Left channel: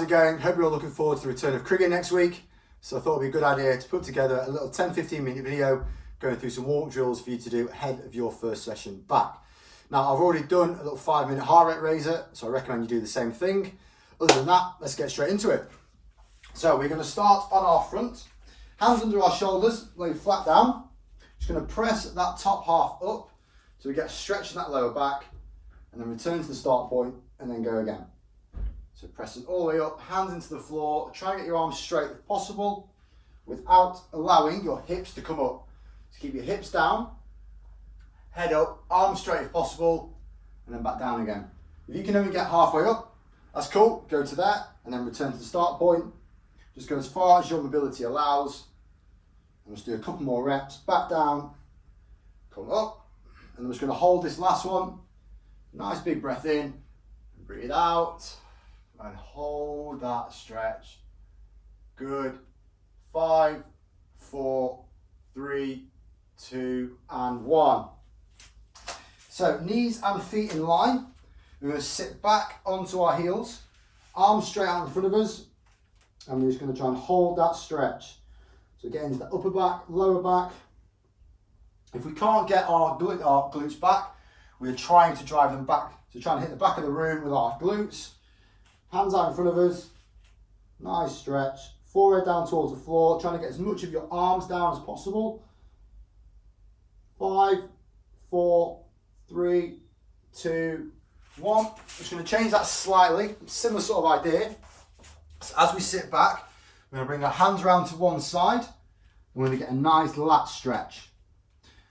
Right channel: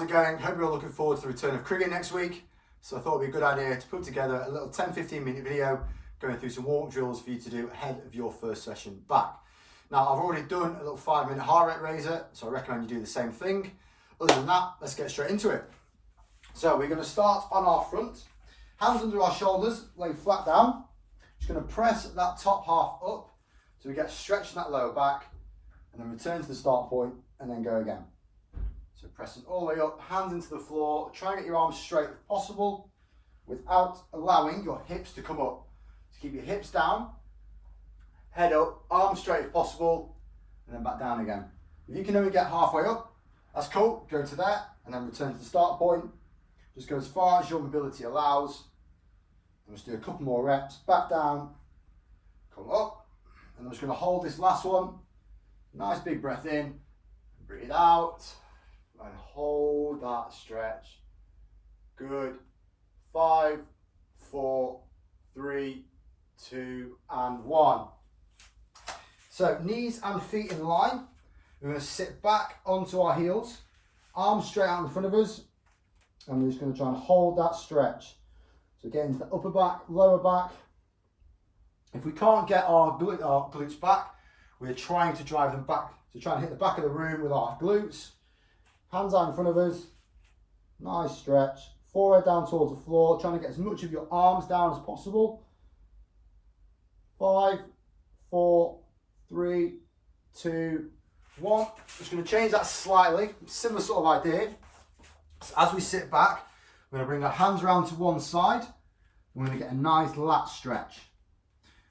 how's it going? Hope you're all looking forward to the return of cricket next week. So I thought it'd be a good idea to put together a little 10-15 minute video going through some warm-up drills for you to do ahead of your first session back. Now I've already done a little 5-minute heart rate raiser, so I recommend you do the same thing. Other than that, let's get straight into it. So we're going to start on our front, hands under our shoulders, lay flat down. Just going to press that top half up so we get a stretch in that lower back, and then return to the start point and then go again. So press it all the way up, hands into the floor, try and get your arms straight if possible without allowing your hips to come up. So keep your hips down, head up, arms straight if possible, and then back down again. If you can only get halfway up, that's cool, go to there and then return to the start point. Just go as far as your mobility allows. And let's do a couple more reps, back down, come up, and I'm just going to hold this last one. Nice big breath in, breathe out, and hold that stretch. Good. 5, 4, 3, 2, and 1. So knees and feet in line. We're going to sit back onto our heels, arms straight out in front of us, and we're just going to try and hold that stretch. So get into the upper back, lower back. If we can't get our glutes back, we're trying to drive them back. So trying to hit the back of the room with our glutes. Hands out in front of us. Nice stretch. Forehead down towards the floor. Trying to get as much of your arms down as possible. 5, 4, 3, 2, 1. Just going to change that slightly. Similar sort of idea. So as we sit back, we're going to bring our hands around to one side. We're going to get a nice lat stretch.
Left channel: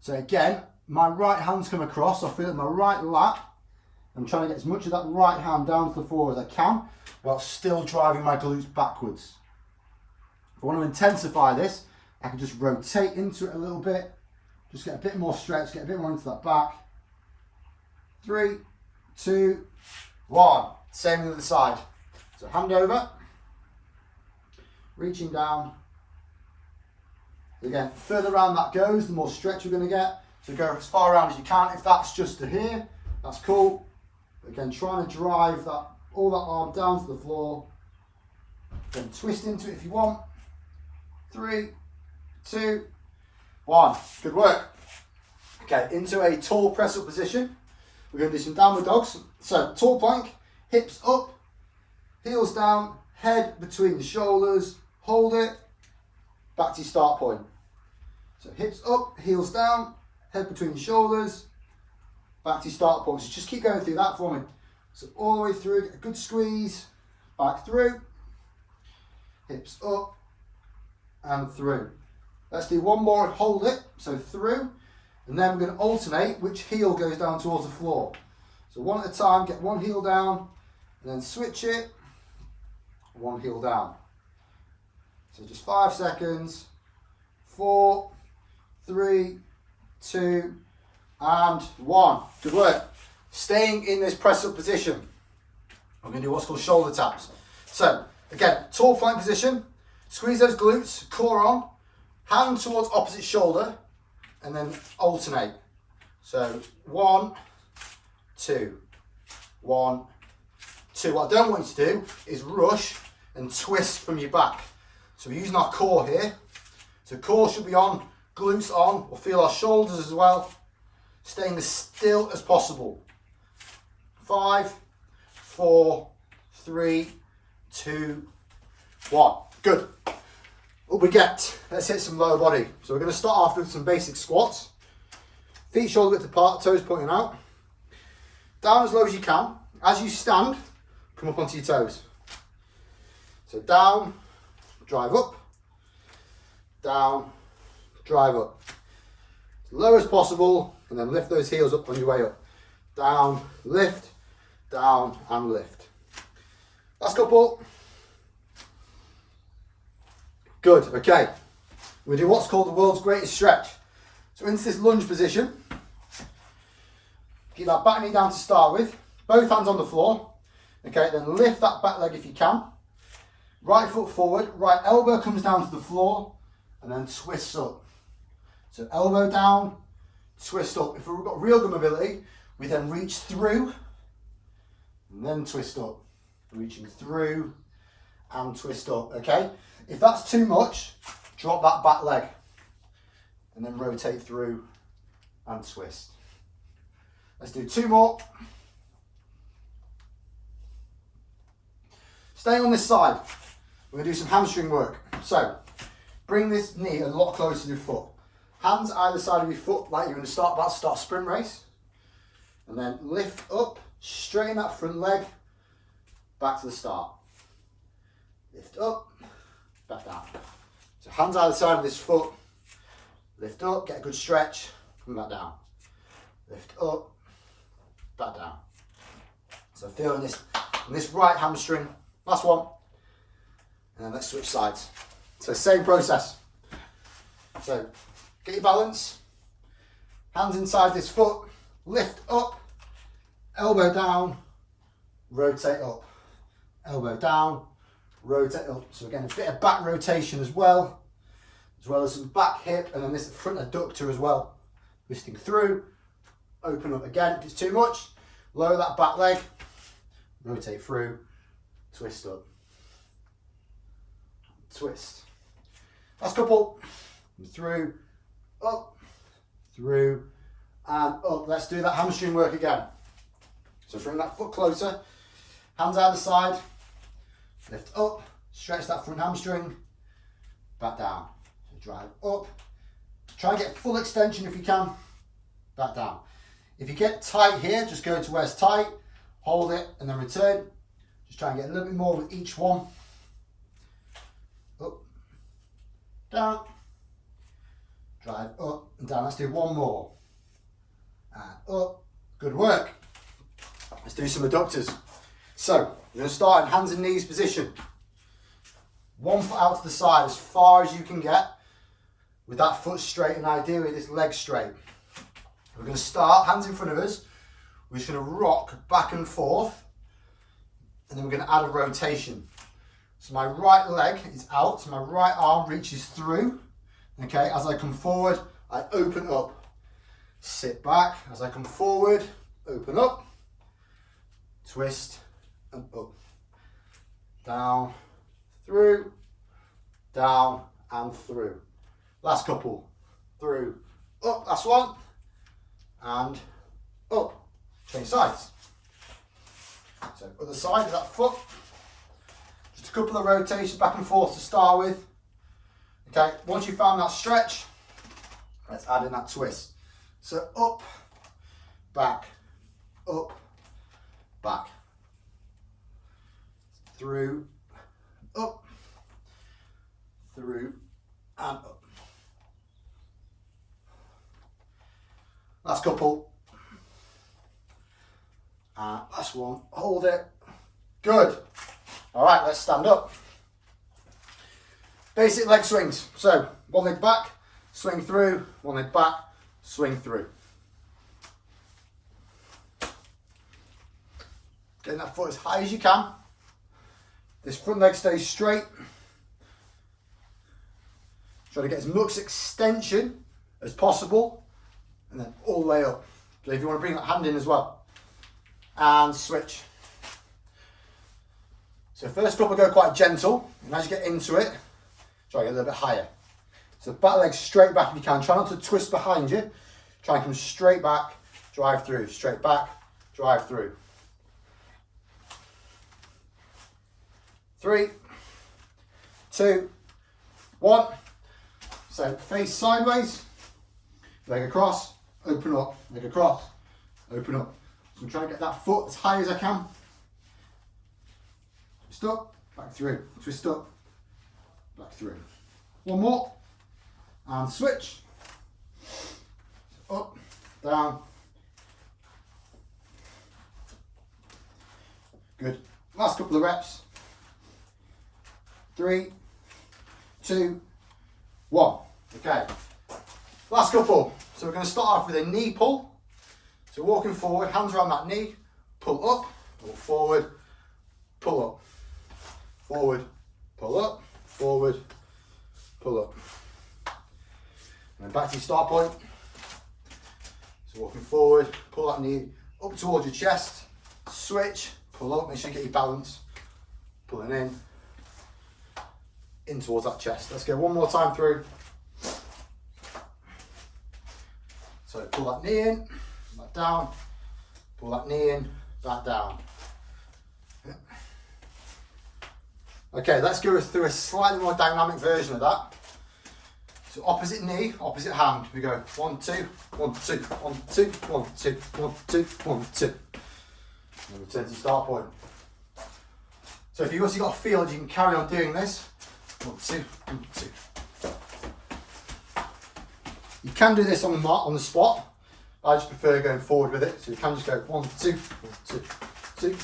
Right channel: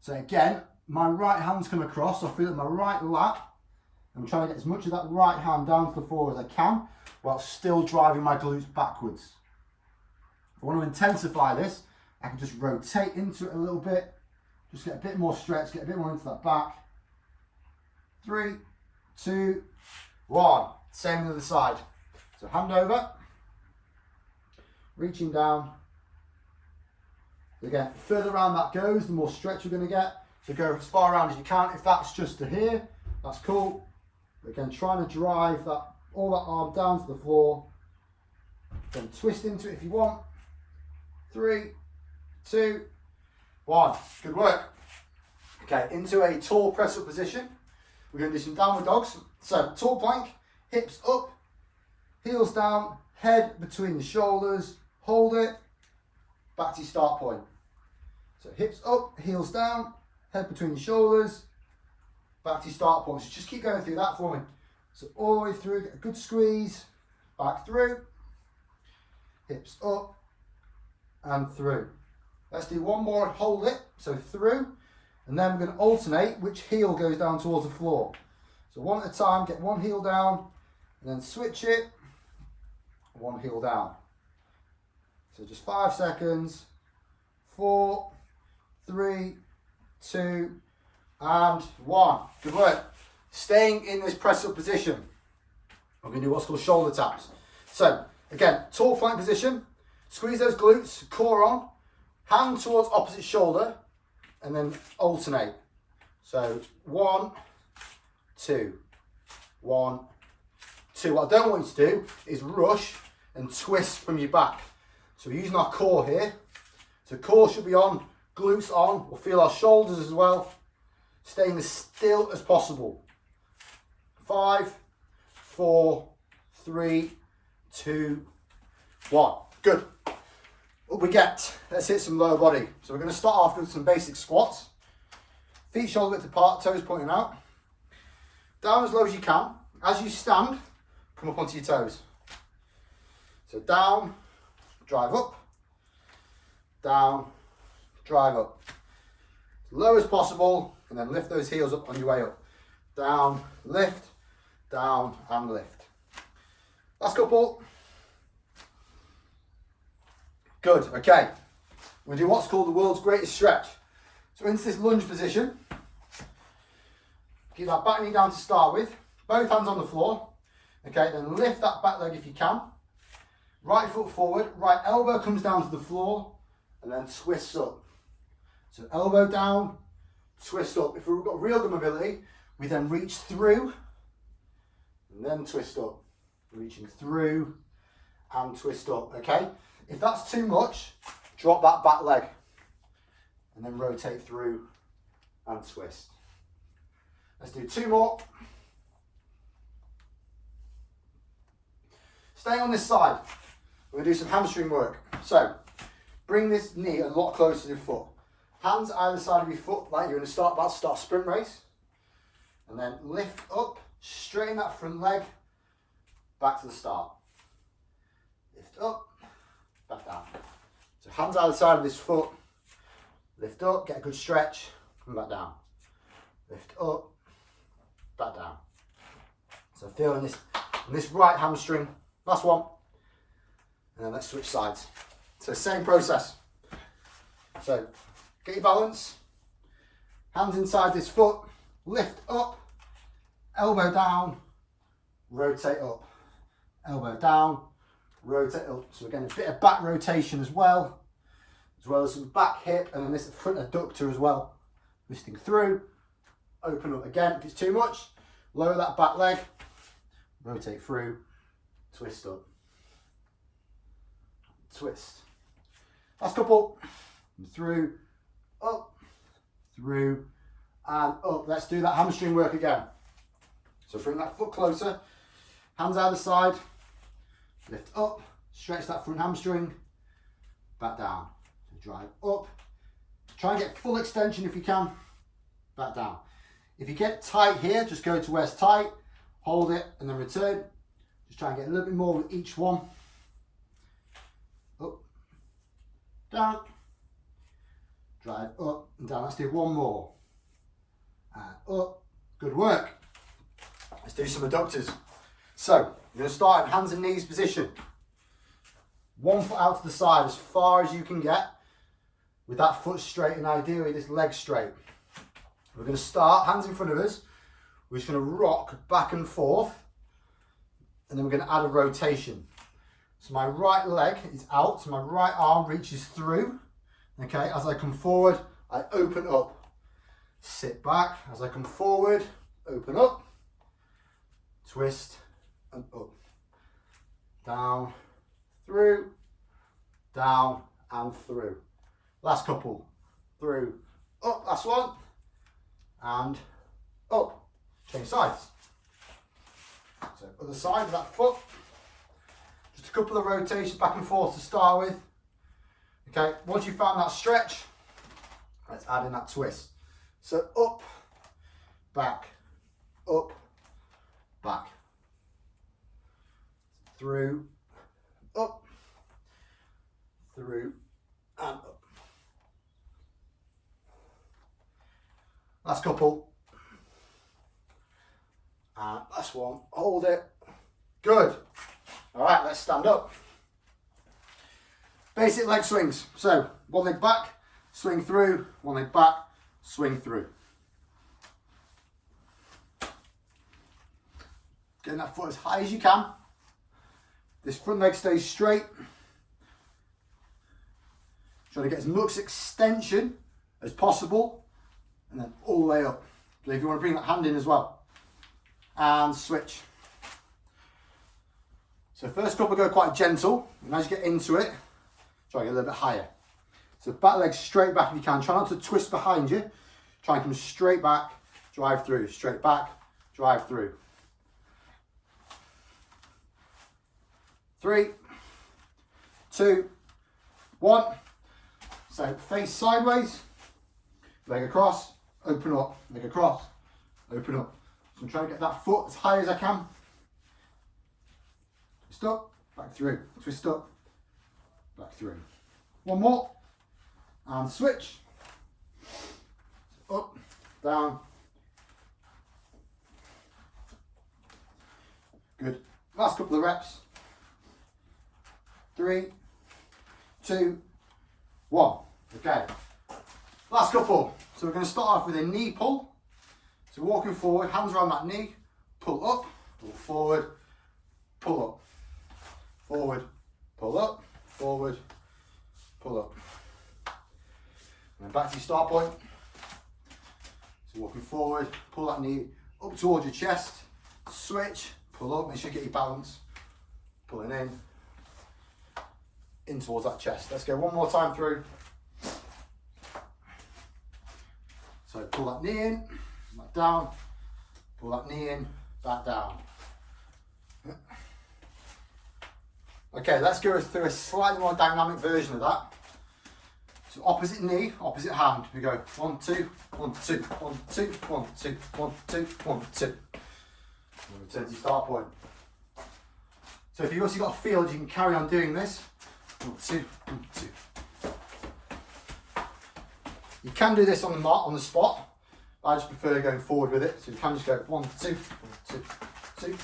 So again, my right hand's come across. I feel at my right lat. I'm trying to get as much of that right hand down to the floor as I can, while still driving my glutes backwards. If I want to intensify this, I can just rotate into it a little bit. Just get a bit more stretch, get a bit more into that back. 3, 2, 1. Same with the side. So hand over, reaching down. Again, further around that goes, the more stretch we're going to get. So go as far around as you can. If that's just to here, that's cool. Again, trying to drive that all that arm down to the floor. Then twist into it if you want. 3, 2, 1. Good work. Okay, into a tall press up position. We're going to do some downward dogs. So tall plank, hips up, heels down, head between the shoulders, hold it, back to your start point. So hips up, heels down, head between the shoulders, back to your start point. So just keep going through that for me. So all the way through, get a good squeeze, back through, hips up and through. Let's do one more, hold it, so through, and then we're going to alternate which heel goes down towards the floor. So one at a time, get one heel down, and then switch it, one heel down. So just 5 seconds, 4, 3, 2, and 1. Good work. Staying in this press up position, I'm going to do what's called shoulder taps. So again, tall plank position, squeeze those glutes, core on, hand towards opposite shoulder, and then alternate. So 1, 2, 1, 2. What I don't want you to do is rush and twist from your back. So we're using our core here. So core should be on, glutes on. We'll feel our shoulders as well. Staying as still as possible. 5, 4, 3, 2, 1. Good. Up we get. Let's hit some lower body. So we're going to start off with some basic squats. Feet shoulder width apart, toes pointing out. Down as low as you can. As you stand, come up onto your toes. So down, drive up. Down, drive up. As low as possible, and then lift those heels up on your way up. Down, lift, down, and lift. Last couple. Good, okay. We're going to do what's called the world's greatest stretch. So into this lunge position. Keep that back knee down to start with. Both hands on the floor. Okay, then lift that back leg if you can. Right foot forward, right elbow comes down to the floor, and then twists up. So elbow down, twist up. If we've got real good mobility, we then reach through, and then twist up. Reaching through, and twist up, okay? If that's too much, drop that back leg and then rotate through and twist. Let's do 2 more. Stay on this side. We're gonna do some hamstring work. So, bring this knee a lot closer to the foot. Hands either side of your foot like you're gonna start a sprint race. And then lift up, straighten that front leg, back to the start. Lift up, back down. So hands either side of this foot, lift up, get a good stretch, come back down. Lift up, back down. So feel in this right hamstring. Last one. And then let's switch sides. So same process. So get your balance, hands inside this foot, lift up, elbow down, rotate up, elbow down, rotate up. So again, a bit of back rotation as well as some back hip, and then this front adductor as well. Twisting through, open up again. If it's too much, lower that back leg, rotate through, twist up, twist. Last couple, through, up, through, and up. Let's do that hamstring work again. So bring that foot closer, hands either side, lift up, stretch that front hamstring, back down. So drive up, try and get full extension if you can, back down. If you get tight here, just go to where it's tight, hold it, and then return. Just try and get a little bit more with each one. Up, down, drive up and down. Let's do one more. And up, good work. Let's do some adductors. So, we're going to start in hands and knees position. One foot out to the side as far as you can get with that foot straight and ideally this leg straight. We're going to start, hands in front of us. We're just going to rock back and forth and then we're going to add a rotation. So my right leg is out, so my right arm reaches through. Okay, as I come forward, I open up. Sit back, as I come forward, open up, twist and up. Down, through, down and through. Last couple, through, up, last one, and up. Change sides. So other side of that foot. Just a couple of rotations back and forth to start with. Okay, once you've found that stretch, let's add in that twist. So up, back, through, up, through, and up. Last couple. And last one, hold it. Good. All right, let's stand up. Basic leg swings. So one leg back, swing through, one leg back, swing through. Getting that foot as high as you can. This front leg stays straight. Try to get as much extension as possible and then all the way up. So if you want to bring that hand in as well. And switch. So first couple go quite gentle, and as you get into it, try to get a little bit higher. So back leg straight back if you can. Try not to twist behind you. Try and come straight back, drive through, straight back, drive through. 3, 2, 1. So face sideways, leg across, open up, leg across, open up. So I'm trying to get that foot as high as I can. Twist up, back through, twist up, back through. One more, and switch. Up, down. Good. Last couple of reps. 3, 2, 1. Okay. Last couple. So we're going to start off with a knee pull. So walking forward, hands around that knee, pull up, pull forward, pull up, forward, pull up, forward, pull up. And then back to your start point. So walking forward, pull that knee up towards your chest, switch, pull up, make sure you get your balance, pulling in, in towards that chest. Let's go one more time through. So pull that knee in, back down, pull that knee in, back down. Okay, let's go through a slightly more dynamic version of that. So opposite knee, opposite hand. We go 1, 2, 1, 2, 1, 2, 1, 2, 1, 2, 1, 2. And return to your start point. So if you've also got a field, you can carry on doing this. 1, 2, 1, 2. You can do this on the mat, on the spot. I just prefer going forward with it. So you can just go 1, 2, 1, 2, 2, 1,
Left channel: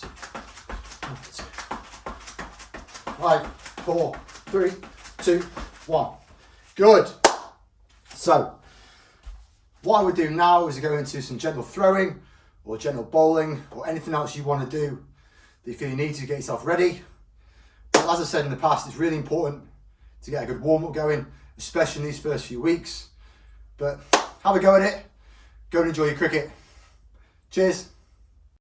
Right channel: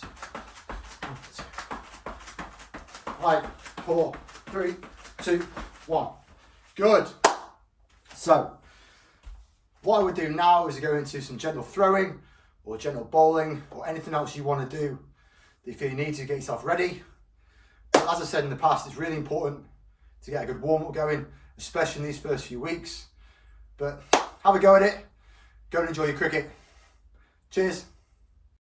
2, 1, 2. 5, 4, 3, 2, 1. Good. So, what I would do now is go into some gentle throwing or gentle bowling or anything else you want to do that you feel you need to get yourself ready. But as I said in the past, it's really important to get a good warm-up going, especially in these first few weeks. But have a go at it. Go and enjoy your cricket. Cheers.